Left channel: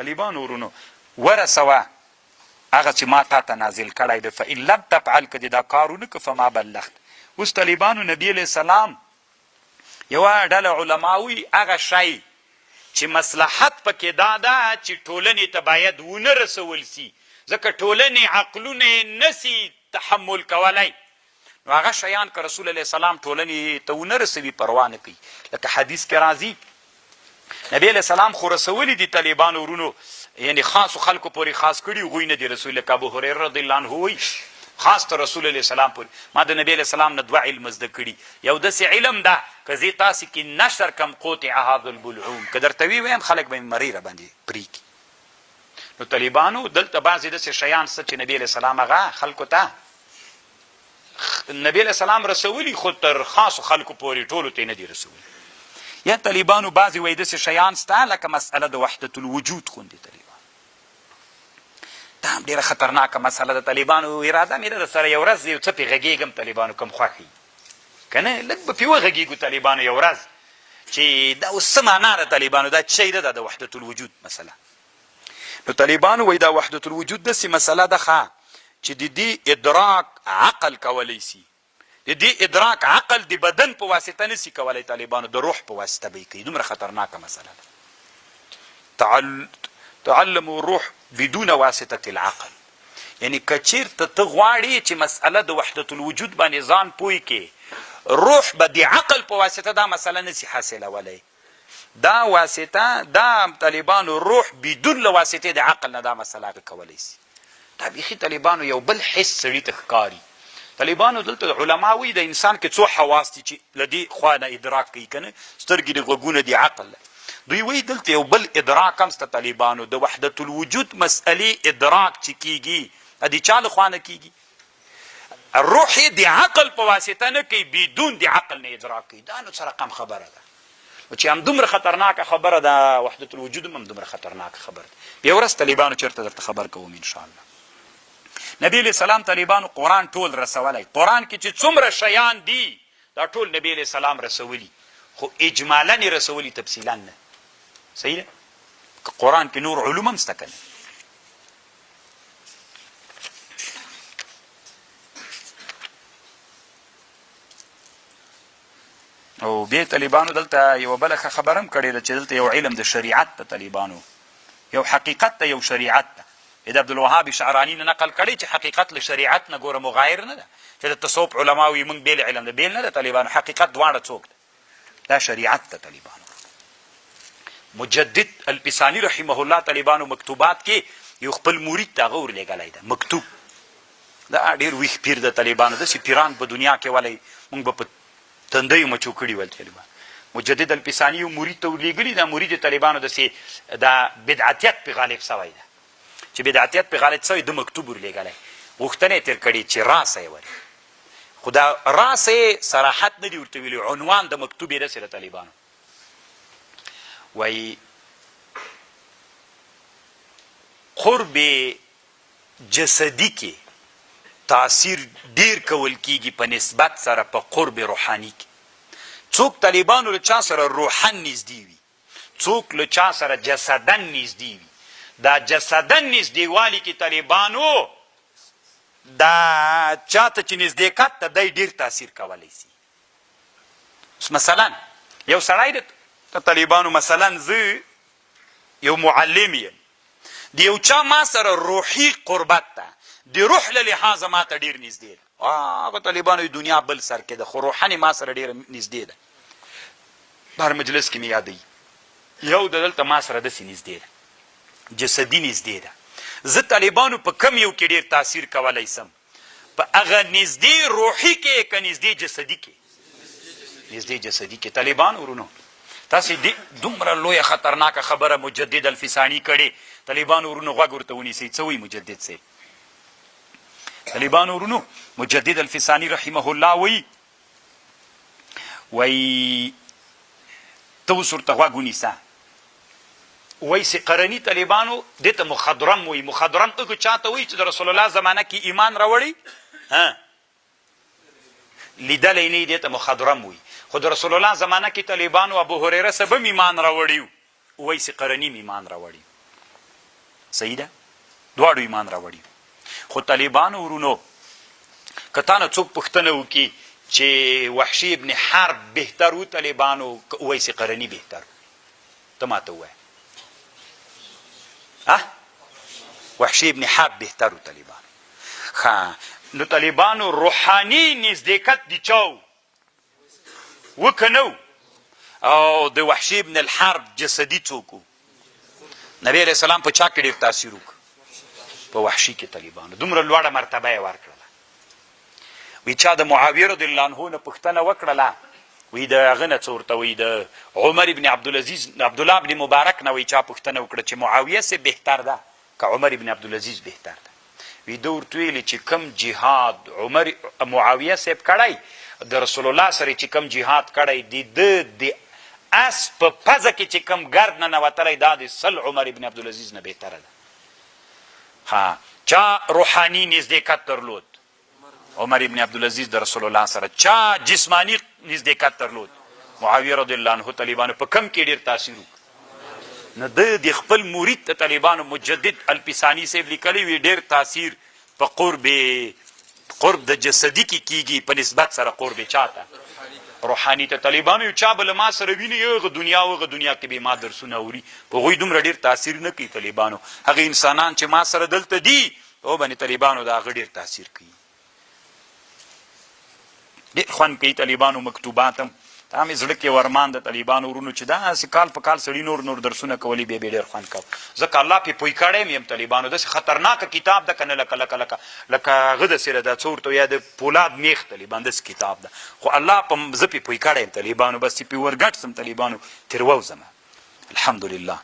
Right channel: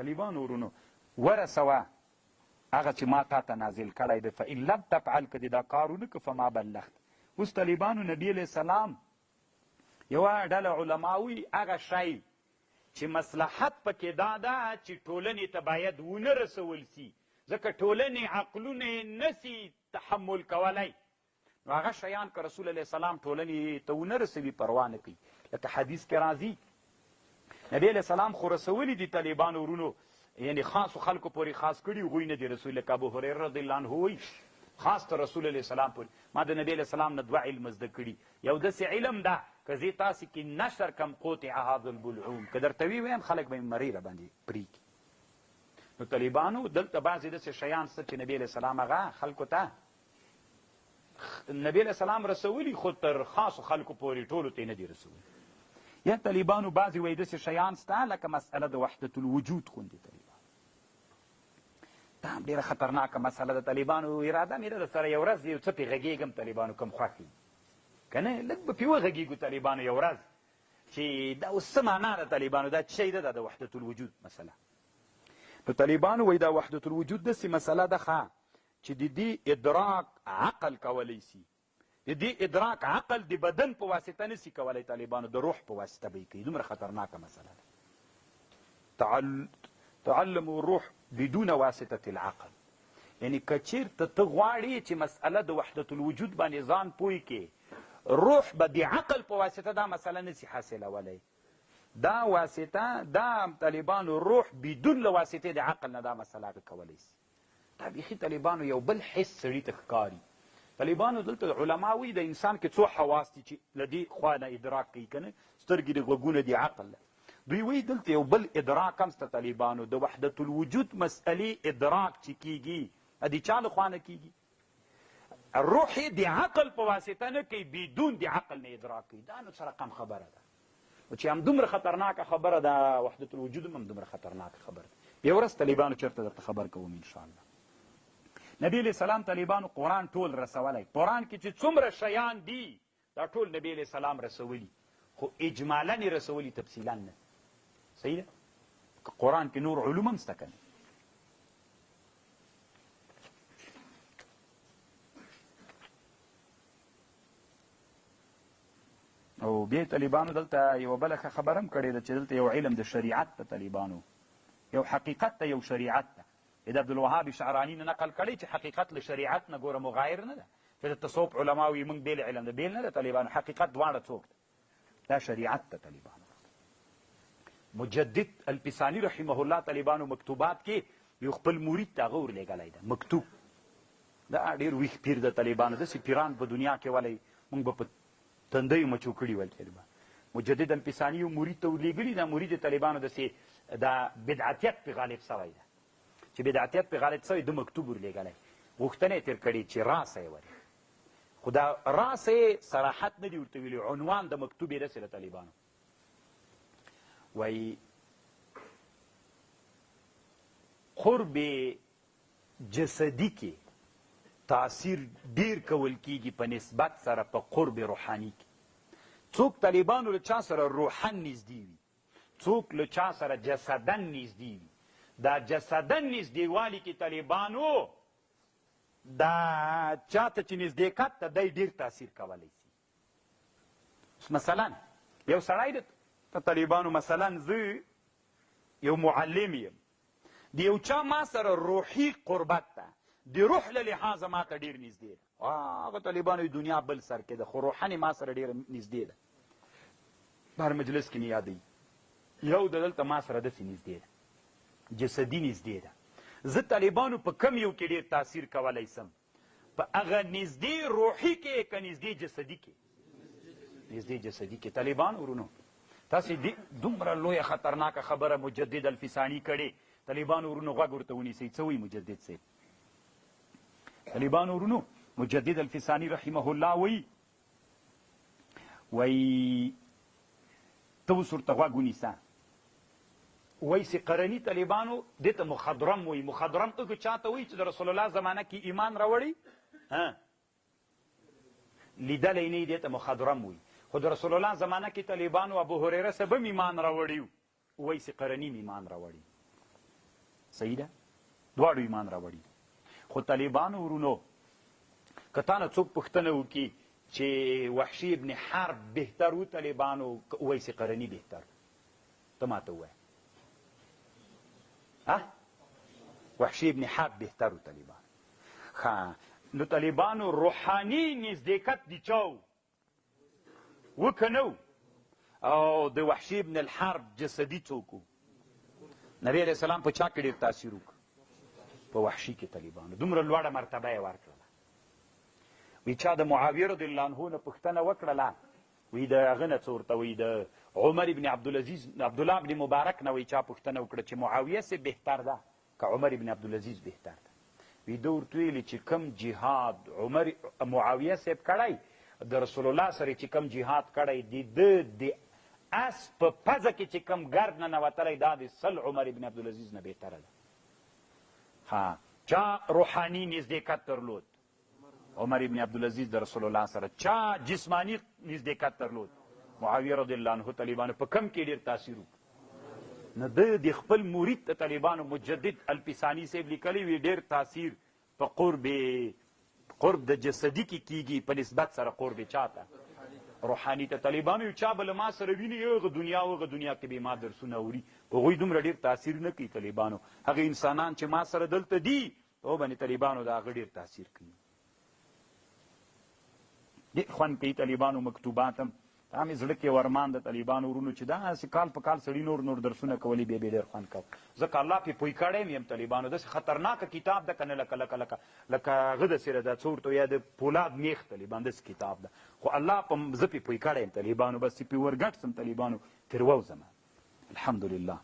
طالبانو ورونو ورسوه هغه چې ما تا ته نازل کړی دی فإن لم تفعل که دې دا کار ونه که فما بلغت. اوس طالبانو نبي علیه السلام یوه ډله علما وي هغه شی چې مصلحت پکې دا ده چې ټولنې ته باید ونه رسول سي ځکه ټولنې عقلونه یې نسي تحمل کولی نو هغه شیان که رسول علیه السلام ټولنې ته ونه رسوي پروا نه کوي. لکه حدیث کې راځي نبی علیه السلام خو رسولي دي طالبانو ورونو یعنی خاصو خلکو پورې خاص کړي هغوی نه دي رسول. لکه ابو هریره رضی الله عنه وایي خاص ته رسول علیه السلام پورې ما د نبی علیه السلام نه 2 علم زده کړي. یو داسې علم ده که زه تاسې کې نشر کم قطع هذا البلعوم که درته ویم خلک به مې مرۍ راباندې پرېږدي. نو طالبانو دلته بعضې داسې شیان څه چې نبی علیه السلام هغه خلکو ته نبی علیه السلام رسولي خو تر خاصو خلکو پورې ټولو ته یې نه دي رسولي. یا طالبانو بعضې وایي داسې شیان سته لکه مسئله د وحدت الوجود غوندې طالبانو دا هم ډېره خطرناکه مسله د طالبانو اراده مې ده در سره یو ورځ یو څه پې غږېږم طالبانو کوم خوښ وي که نه لږ به پې وغږېږو طالبانو یو ورځ چې دا اوس څه معنا ده طالبانو دا څه شی ده دا د وحدت الوجود مسله. نو طالبانو وایي دا وحدت الوجود داسې مسله ده ښه چې د دې ادراک عقل کولی سي د دې ادراک عقل د بدن په واسطه نسي کولی طالبانو د روح په واسطه به یې کوي. دومره خطرناکه مسله ده. تعلموا الروح بدون واسطة العقل یعنی که چیرته ته غواړې چې مسئله د وحدت الوجود باندې ځان پوه کې روح به د عقل په واسطه دا مسله نسي حاصلولی. دا واسطه دا طالبانو روح بدون له واسطې د عقل نه دا مسله هغه کولی سي. دا بیخي طالبانو یو بل حس سړي ته ښکاري. طالبانو دلته علما وایي د انسان کې څو حواس دي چې له دې خوا نه ادراک کوي که نه سترګې د غوږونه د عقل دوی وایي دلته یو بل ادراک هم شته طالبانو د وحدت الوجود مسئلې ادراک چې کیږي د چا له خوا نه کیږي روح یې د عقل په واسطه نه کوي بدون د عقل نه ادراک کوي. دا نو څه رقم خبره ده چې همدومره خطرناکه خبره ده وحدت الوجود هم همدومره خطرناکه خبره ده. یو ورځ طالبانو چېرته درته خبر کوم انشاءالله. نبی علیه السلام طالبانو قرآن ټول رسولی. قرآن کې چې څومره شیان دي دا ټول نبی علیه السلام رسولي خو اجمالا یې رسولي تفصیلا نه. صحیح ده که قرآن کې نور علوم هم شته که نه. او بیا طالبانو دلته یوه بله ښه خبره هم کړې ده چې دلته یو علم د شریعت ته طالبانو یو حقیقت ته یو شریعت ته د عبدالوهاب شعراني نه نقل کړی چې حقیقت له شریعت نه ګوره مغایر نه ده چې د تصوف علما وي موږ بېل علم ده بېل نه ده طالبانو حقیقت دواړه څوک ده دا شریعت ته طالبانو. مجدد الپسانی رحمه الله طالبانو مکتوبات کې یو خپل مرید ته هغه ورلېږلی ده مکتوب. دا ډېر ویښ پیر د طالبانو داسې پیران په دنیا کې ولی موږ به په تندیو مچو کړي ول طالبان. مجدد الپسانی یو مرید ته ورلېږلي دا مرید طالبانو داسې دا بدعتیت پې غالب سوی ده چې بدعتیت پې غالب سوی ده مکتوب ورلېږلی غوښتنه یې تېر کړې چې راسه یې ورې خو دا راسه یې صراحت نه دي ورته ویلي عنوان د مکتوب یې داسې د طالبانو وایي قرب جسدي کې تاثیر ډیر کول کیږي په نسبت سره په قرب روحاني کې. څوک طالبانو له چا سره روحن نږدې وي څوک له چا سره جسدن نږدې وي دا جسدن نږدېوالي کې طالبانو دا چاته چې نږدېکت ته دی ډیر تاثیر کولی سي. مثلا یو سړی د طالبانو مثلا زه یو معلم یم د یو چا ما سره روحي قربت ده د روح له لحاظه ما ته ډېر نږدې ده هغه طالبانو دنیا بل سر کې ده خو روحاني ما سره ډېره نږدې ده. بهر مجلس کې مې یادوي یو د دلته ما سره داسې نږدې ده جسدي نږدې ده. زه طالبانو په کم یو کې ډېر تاثیر کولی سم په هغه نږدې روحي کې که نږدې جسدي کې نږدې جسدي کې. طالبانو ورونو تاسې دومره لویه خطرناکه خبره مجدد الفسانی کړې طالبانو ورونو غوږ ورته ونیسئ څه وایي مجدد صاحب. طالبانو ورونو مجدد الفسانی رحمه الله وایي ته اوس ورته غوږ ونیسه وایي سقرني طالبانو دې ته مخضرم وایي. مخضرم هغه چاته وایي چې د رسول الله زمانه کې ایمان راوړی لیدلی نه دې ته مخضرم وایي خو د رسول الله زمانه کې طالبانو ابو هریره سبم ایمان راوړی وایي سقرني ایمان راوړی. صحیح ده دواړو ایمان راوړي خو طالبانو ورونو که تا نه څوک پوښتنه وکړي چې وحشي ابن حرب بهتر و طالبانو که اویس قرني بهتر ته ماته ووایه وحشي ابن حرب بهتر و طالبانو نو طالبانو روحاني نزدېکت د چا و که نه او د وحشي ابن الحرب جسدي څوک و نبی علیه السلام په چا کې ډېر تاثیر وکړ په وحشي کې طالبانو دومره لوړه مرتبه یې ورکړله وی چا د معاویه رضی الله عنه نه پوښتنه وکړله وی د هغه نه څه ورته وی د عمر ابن عبدالله ابن مبارک نه وی چا پوښتنه وکړه چې معاویه سه بهتر ده که عمر ابن عبدالعزیز بهتر ده وی ده ورته ویلي چې کم جهاد معاویه صاحب کړی د رسول الله سره چې کم جهاد کړی د اس په پزه کې چې کم ګرد نه نوتلی دا د سل عمر ابن عبدالعزیز نه بهتره ده چا روحاني نزدېکت درلود عمر ابن عبدالعزیز د رسول الله سره چا جسمانی نزدېکت درلود معاویه رضی الله عنه طالبانو په کم کې ډېر تاثیر وکړ نو د خپل مرید ته طالبانو مجدد الپسانی صاحب لیکلی وي ډېر تاثیر په قرب د جسدي کې کیږي په نسبت سره قرب چاته روحاني ته طالبانو یو چا به له ما سره ویني هغه دنیا کې به ما درسونه اوري په هغوی دومره ډېر تاثیر نه کوي طالبانو هغه انسانان چې ما سره دلته دي په باندې طالبانو د هغه ډېر تاثیر کوي ډېر خوند کوي طالبانو مکتوبات هم دا مې زړه کې ورمان د طالبانو ورونو چې داسې کال په کال سړي نور درسونه کولی بیا ډېر خوند کوه ځکه الله پې پوی کړی م یم طالبانو داسې خطرناکه کتاب ده که نه لکه هغه داسې ده دا څه ورته یا د پولاد میخ طالبان داسې کتاب ده خو الله په زه پې پوی کړی یم طالبانو بس چې پې ورګډ سم طالبانو تېرووزمه الحمدلله